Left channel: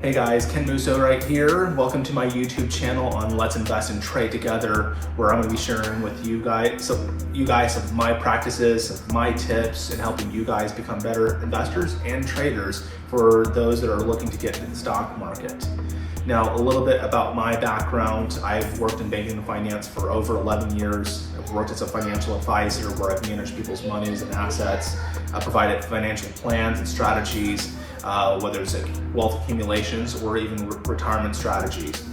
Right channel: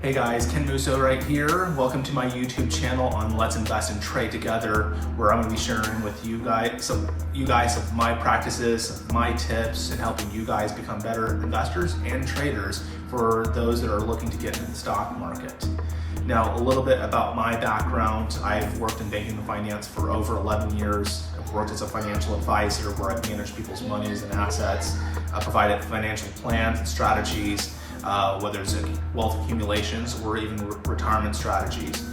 Hey guys, Ken Musso right here. Welcome to my YouTube channel on Let's Invest and Trade Together, where I'm going to be sharing with you guys of my practices, of my tips, and helping you guys become better investors and traders for those that are looking to get into the stock market. Now, a little bit about my background. I've worked in banking and finance for over 11 years. I've worked as a financial advisor where I've managed people's monies and assets, provided financial plans and strategies, whether it's wealth accumulations or even retirement strategies.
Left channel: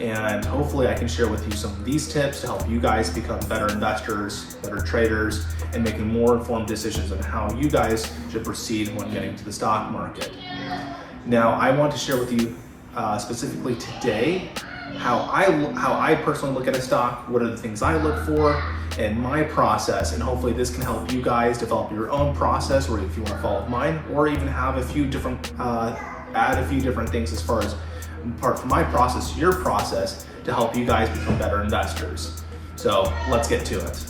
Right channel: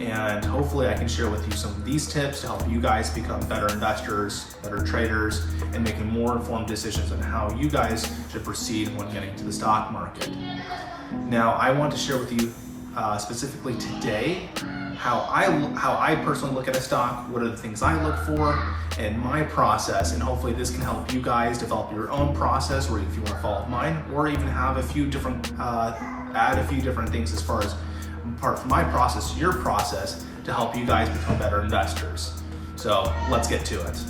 And hopefully I can share with you some of these tips to help you guys become better investors, better traders, and making more informed decisions on how you guys should proceed when getting to the stock market. Now, I want to share with you specifically today how I personally look at a stock, what are the things I look for, and my process, and hopefully this can help you guys develop your own process, or if you want to follow mine, or even have a few different, add a few different things as far as apart from my process, your process, to help you guys become better investors. So let's get to it.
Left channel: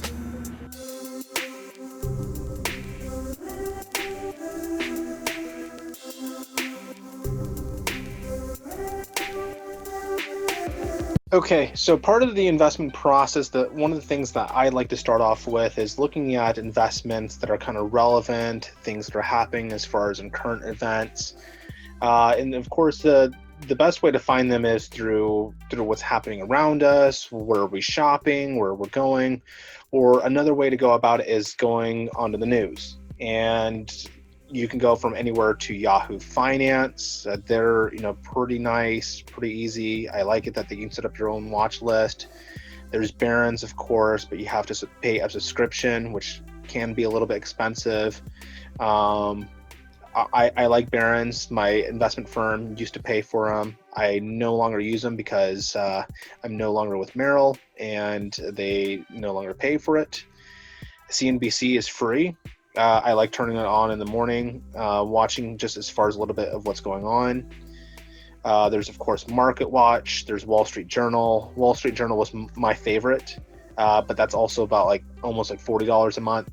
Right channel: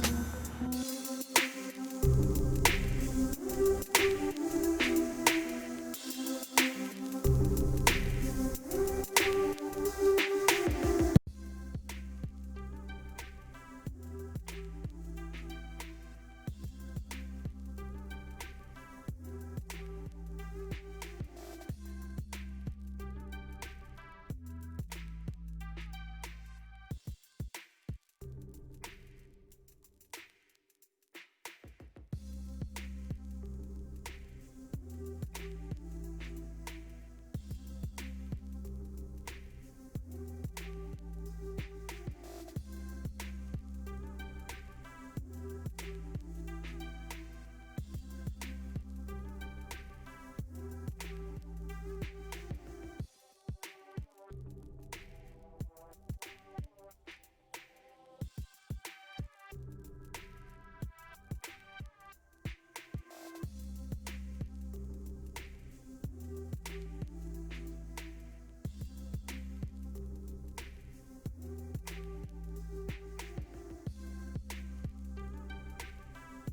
Okay, so part of the investment process, one of the things that I like to start off with is looking at investments that are kind of relevant, things that are happening as far as in current events. And of course, the best way to find them is through what's happening around us, where are we shopping, where we're going, or another way to go about it is going onto the news. And you can go from anywhere to Yahoo Finance. They're pretty nice, pretty easy. I like it that you can set up your own watch list. There's Barron's, of course, but you have to pay a subscription, which can be a little bit expensive. I like Barron's. My investment firm used to pay for them. I no longer use them because I'm no longer with Merrill and they no longer pay for it. CNBC is free. I like turning it on in the morning, watching just as far as a little bit of what's going on. There's, of course, Market Watch. There's Wall Street Journal. Wall Street Journal was my favorite, but that's also about almost $40 a month.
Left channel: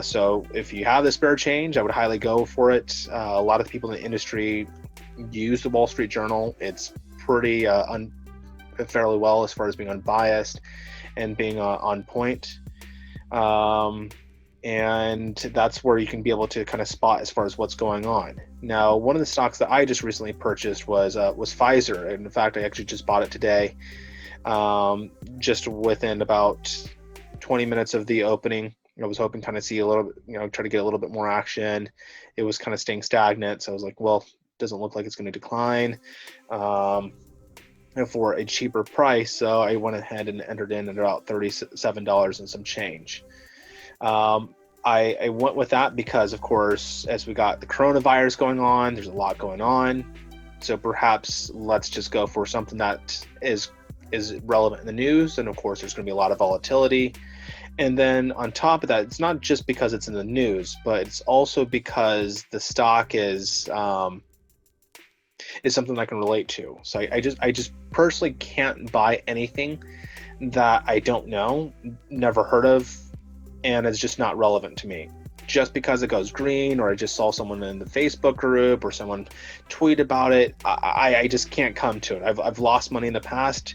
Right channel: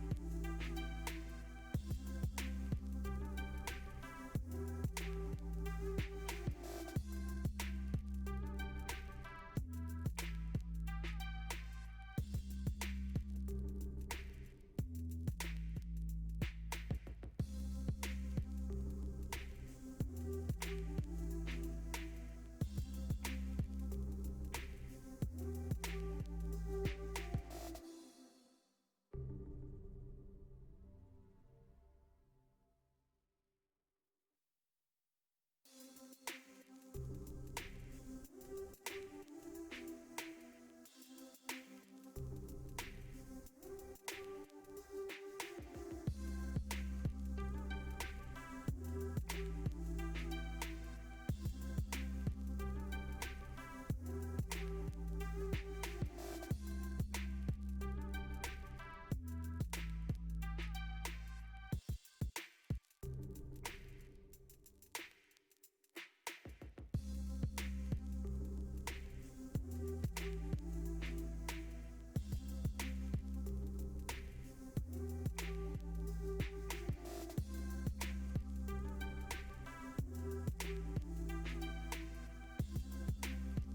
So if you have the spare change, I would highly go for it. A lot of the people in the industry use the Wall Street Journal. It's pretty fairly well as far as being unbiased and being on point. And that's where you can be able to kind of spot as far as what's going on. Now, one of the stocks that I just recently purchased was Pfizer. And in fact, I actually just bought it today, just within about 20 minutes of the opening. I was hoping kind of see a little bit, try to get a little bit more action. It was kind of staying stagnant. So I was like, well, doesn't look like it's going to decline for a cheaper price. So I went ahead and entered in at about $37 and some change. I went with that because, of course, as we got the coronavirus going on, there's a lot going on. So perhaps let's just go for something that is relevant in the news. And of course, there's going to be a lot of volatility. And then on top of that, it's not just because it's in the news, but it's also because the stock is something I can relate to. So I just personally can't buy anything that I don't know, never heard of, and it's just not relevant to me. Just because it goes green, or I just saw someone in the Facebook group or someone tweet about it, I just can't come to it. I've lost money in the past,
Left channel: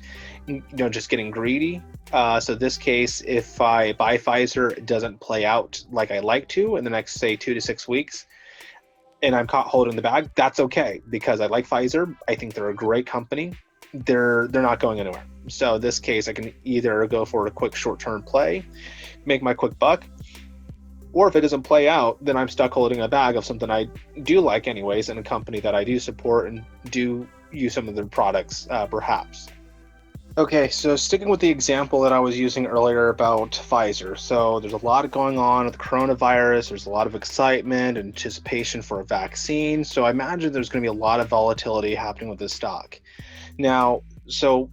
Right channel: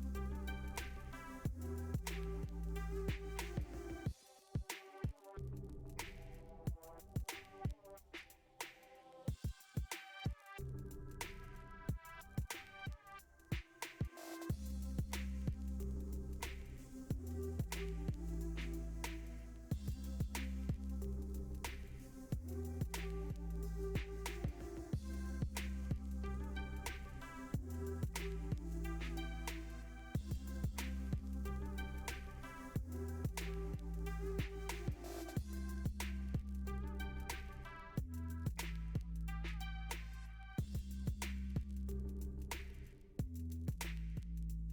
just getting greedy. So this case, if I buy Pfizer, it doesn't play out like I like to in the next, say, 2 to 6 weeks, and I'm caught holding the bag, that's okay, because I like Pfizer. I think they're a great company. They're not going anywhere. So in this case, I can either go for a quick short-term play, make my quick buck, or if it doesn't play out, then I'm stuck holding a bag of something I do like anyways, and a company that I do support and do use some of their products, perhaps. Okay, so sticking with the example that I was using earlier about Pfizer. So there's a lot going on with the coronavirus. There's a lot of excitement, anticipation for a vaccine. So I imagine there's going to be a lot of volatility happening with this stock. Now, so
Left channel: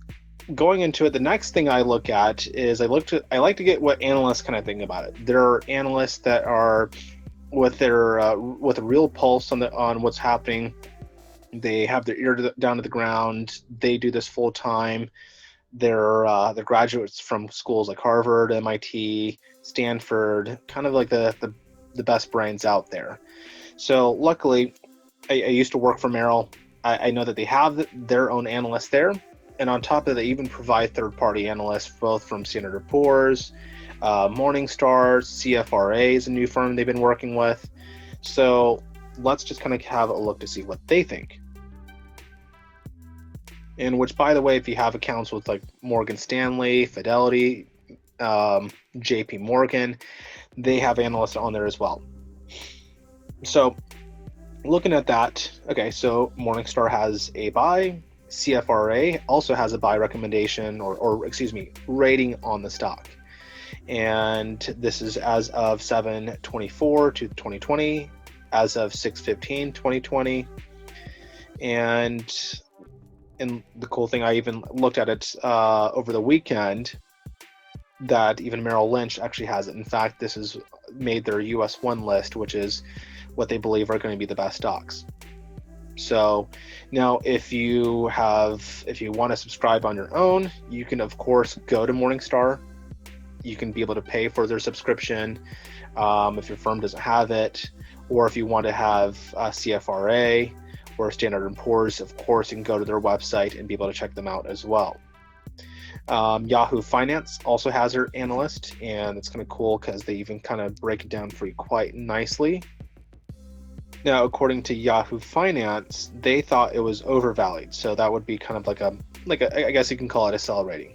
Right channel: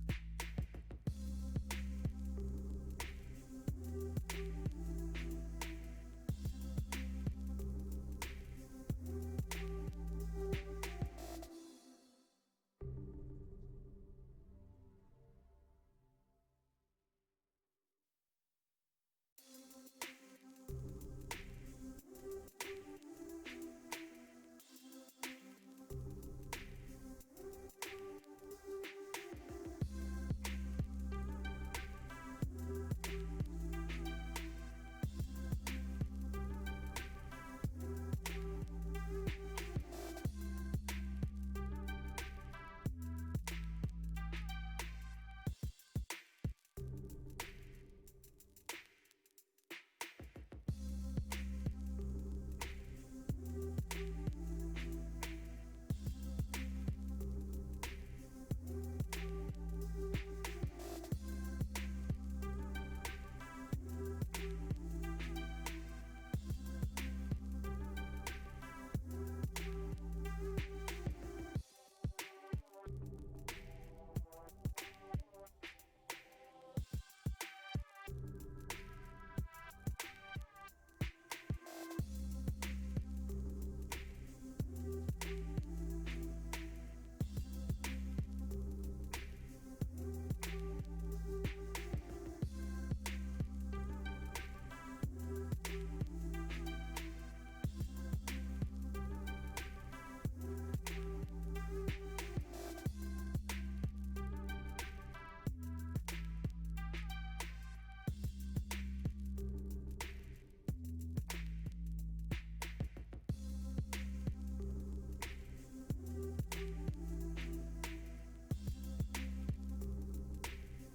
going into it, the next thing I look at is I like to get what analysts kind of think about it. There are analysts that are with a real pulse on what's happening. They have their ear down to the ground. They do this full time. They're graduates from schools like Harvard, MIT, Stanford, kind of like the best brains out there. So luckily, I used to work for Merrill. I know that they have their own analysts there, and on top of that, they even provide third-party analysts, both from Standard & Poor's, Morningstar, CFRA is a new firm they've been working with. So let's just kind of have a look to see what they think. And which, by the way, if you have accounts with like Morgan Stanley, Fidelity, JP Morgan, they have analysts on there as well. So looking at that, okay, so Morningstar has a buy, CFRA also has a buy recommendation or excuse me, rating on the stock. And this is as of 7/24 to 2020, as of 6/15/2020. And the cool thing, I even looked at it over the weekend, that even Merrill Lynch actually has it. In fact, this has made their US 1 list, which is what they believe are going to be the best stocks. So now if you want to subscribe on your own, you can of course go to Morningstar. You can be able to pay for their subscription if your firm doesn't have it, or if you want to have CFRA or Standard & Poor's, of course, you can go to their website and be able to check them out as well. Yahoo Finance also has their analyst, and it's kind of cool because they even kind of break it down for you quite nicely. Now, according to Yahoo Finance, they thought it was overvalued, so that would be kind of like a I guess you can call it a sell rating.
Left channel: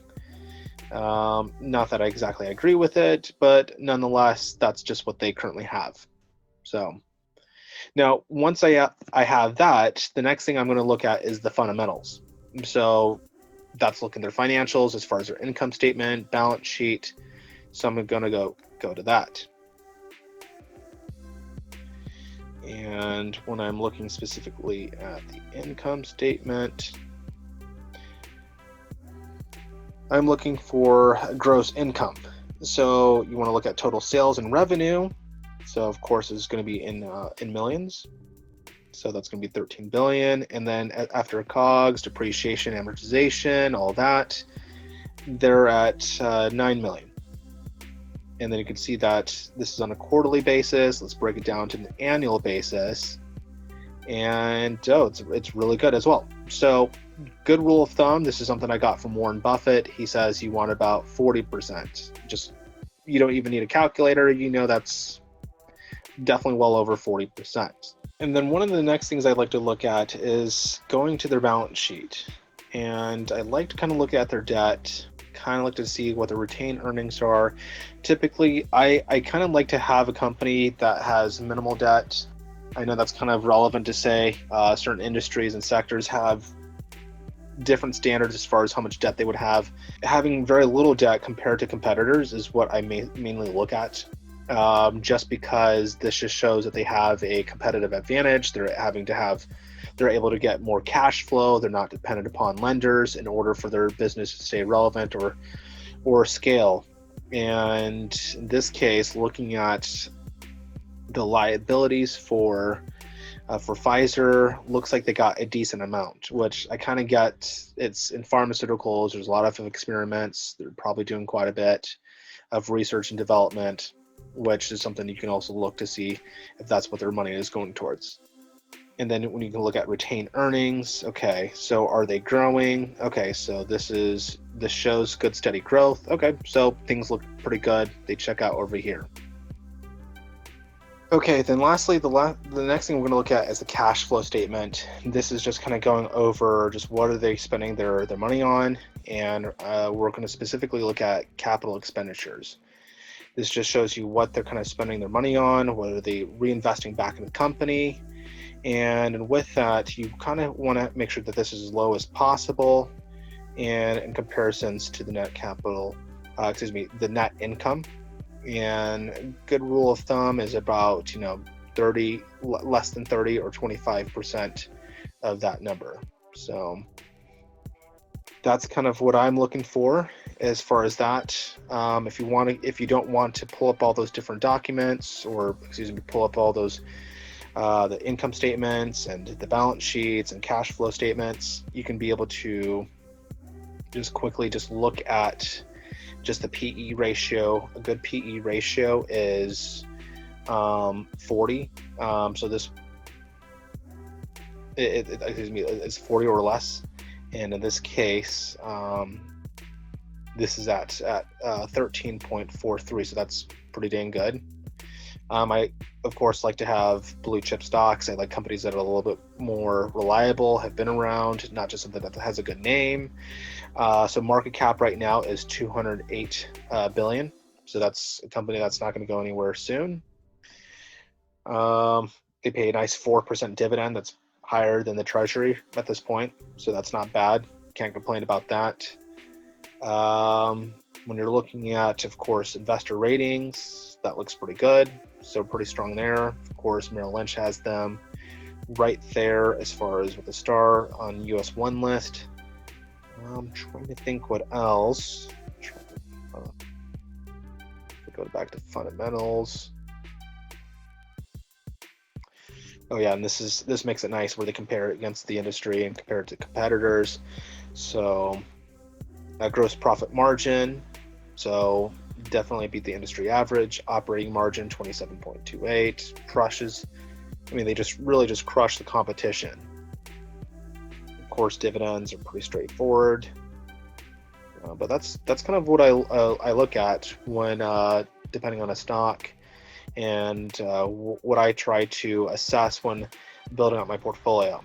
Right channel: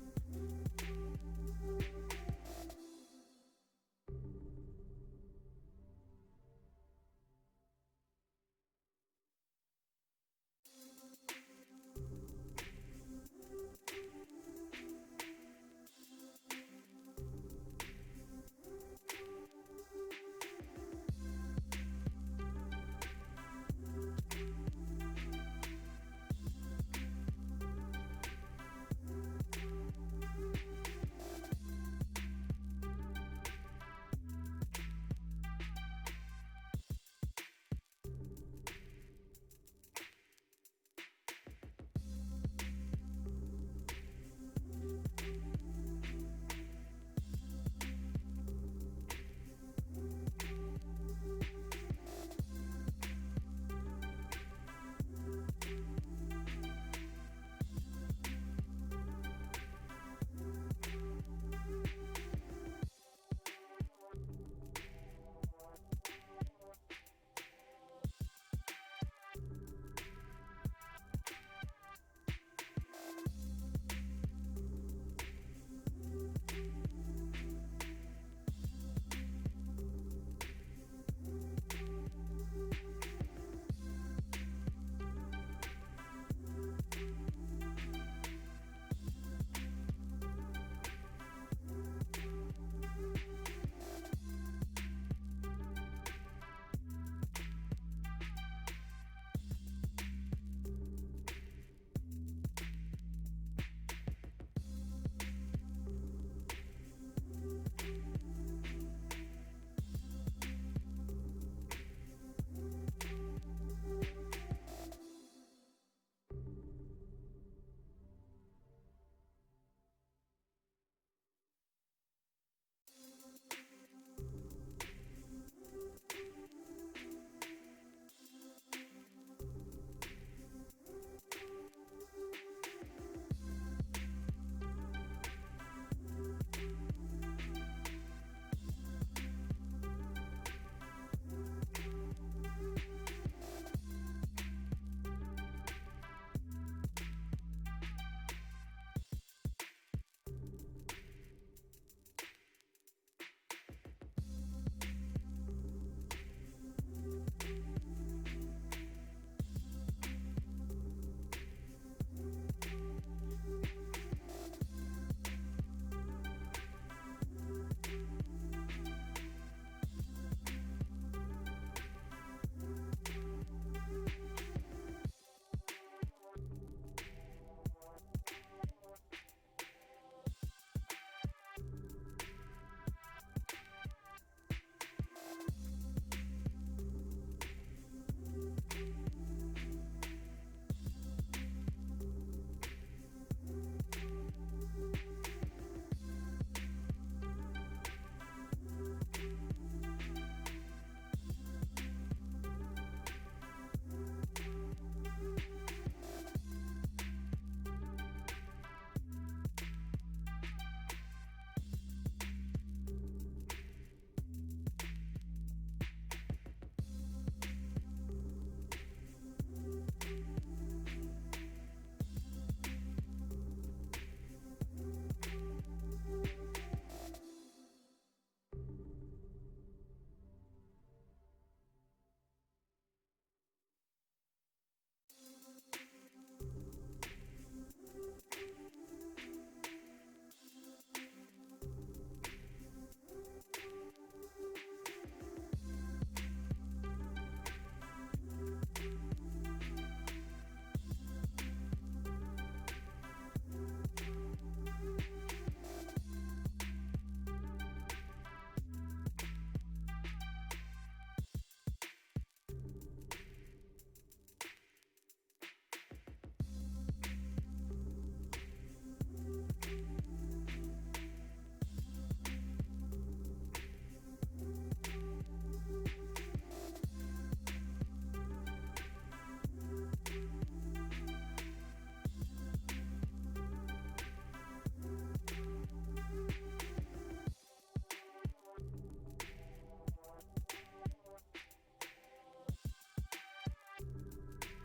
Not that I exactly agree with it, but nonetheless, that's just what they currently have. So now, once I have that, the next thing I'm going to look at is the fundamentals. So that's looking at their financials as far as their income statement, balance sheet. So I'm going to go to that. And when I'm looking specifically at the income statement, I'm looking for gross income. So you want to look at total sales and revenue. So of course it's going to be in millions. So that's going to be 13 billion. And then after COGS, depreciation, amortization, all that, they're at 9 million. And then you can see that this is on a quarterly basis. Let's break it down to an annual basis. And it's really good as well. So good rule of thumb, this is something I got from Warren Buffett. He says you want about 40%. Just, you don't even need a calculator. You know, that's definitely well over 40%. And then one of the next things I'd like to look at is going to their balance sheet. And I like to kind of look at their debt, kind of like to see what the retained earnings are. Typically, I kind of like to have a company that has minimal debt. I know that's kind of relevant to say certain industries and sectors have different standards as far as how much debt they would have. Having very little debt compared to competitors is what I mainly look at, just because this just shows that they have a competitive advantage. They're able to get more cash flow. They're not dependent upon lenders in order for their business to stay relevant or scale. And in this case, looking at the liabilities for Pfizer, looks like they got a decent amount, which I kind of get. It's in pharmaceuticals. There's a lot of experiments. They're probably doing quite a bit of research and development, which is something you can also look to see if that's what their money is going towards. And then when you can look at retained earnings, okay, so are they growing? Okay, so this shows good steady growth. Okay, so things look pretty good. They check out over here. Okay, then lastly, the next thing we're going to look at is the cash flow statement. This is just kind of going over just what are they spending their money on, and we're going to specifically look at capital expenditures. This just shows you what they're kind of spending their money on, what are they reinvesting back in the company, and with that, you kind of want to make sure that this is as low as possible, and in comparisons to the net the net income. And good rule of thumb is about 30, less than 30 or 25% of that number. So that's kind of what I'm looking for as far as that. If you don't want to pull up all those different documents, or pull up all those the income statements and the balance sheets and cash flow statements, you can be able to just quickly look at just the PE ratio. A good PE ratio is 40. So this it's 40 or less, and in this case, this is at 13.43, so that's pretty dang good. I of course like to have blue chip stocks. I like companies that are a little bit more reliable, have been around, not just something that has a good name. So market cap right now is 208 billion. So that's a company that's not going to go anywhere soon. They pay a nice 4% dividend. That's higher than the treasury at this point, so that's not bad. Can't complain about that. When you're looking at, of course, investor ratings, that looks pretty good, so pretty strong there. Of course, Merrill Lynch has them right there as far as with a star on US 1 list. I'm trying to think what else. Go back to fundamentals. Oh yeah, and this makes it nice where they compare it against the industry and compare it to competitors. So that gross profit margin, so definitely beat the industry average. Operating margin 27.28, crushes. I mean, they just really just crush the competition. Of course, dividends are pretty straightforward. But that's kind of what I look at when depending on a stock, and what I try to assess when building up my portfolio.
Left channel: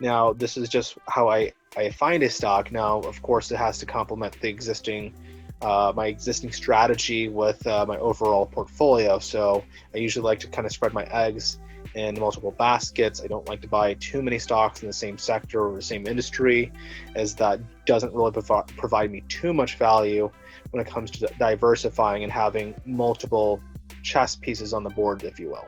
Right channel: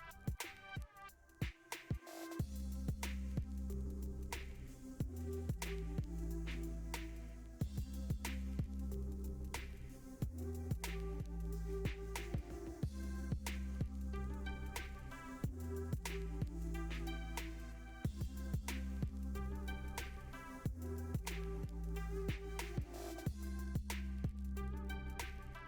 Now, this is just how I find a stock. Now, of course, it has to complement the existing my existing strategy with my overall portfolio. So I usually like to kind of spread my eggs in multiple baskets. I don't like to buy too many stocks in the same sector or the same industry, as that doesn't really provide me too much value when it comes to diversifying and having multiple chess pieces on the board, if you will.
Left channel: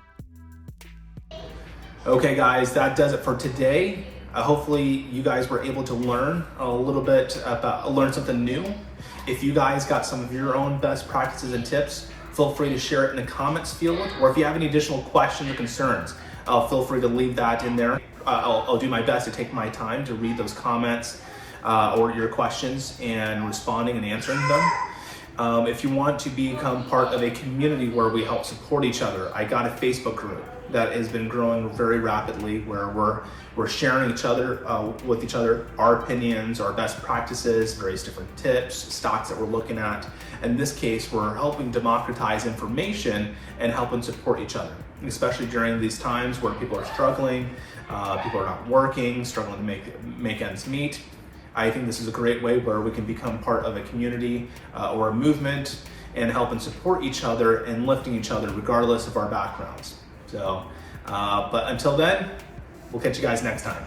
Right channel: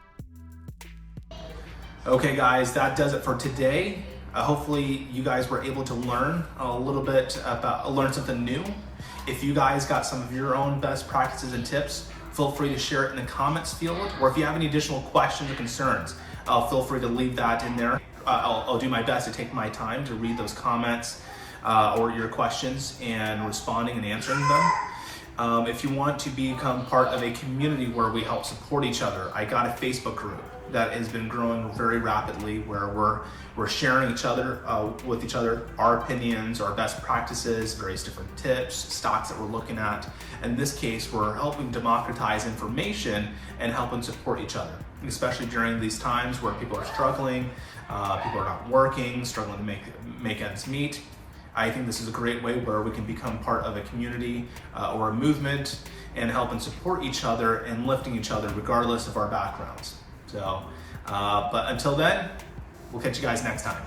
Okay guys, that does it for today. Hopefully you guys were able to learn a little bit about, learn something new. If you guys got some of your own best practices and tips, feel free to share it in the comments field, or if you have any additional questions or concerns, feel free to leave that in there. I'll do my best to take my time to read those comments or your questions and responding and answering them. If you want to become part of a community where we help support each other, I got a Facebook group that has been growing very rapidly, where we're sharing with each other our opinions, our best practices, various different tips, stocks that we're looking at. In this case, we're helping democratize information and helping support each other, especially during these times where people are struggling, people are not working, struggling to make ends meet. I think this is a great way where we can become part of a community or a movement and help and support each other and lifting each other regardless of our backgrounds. So, but until then, we'll catch you guys next time.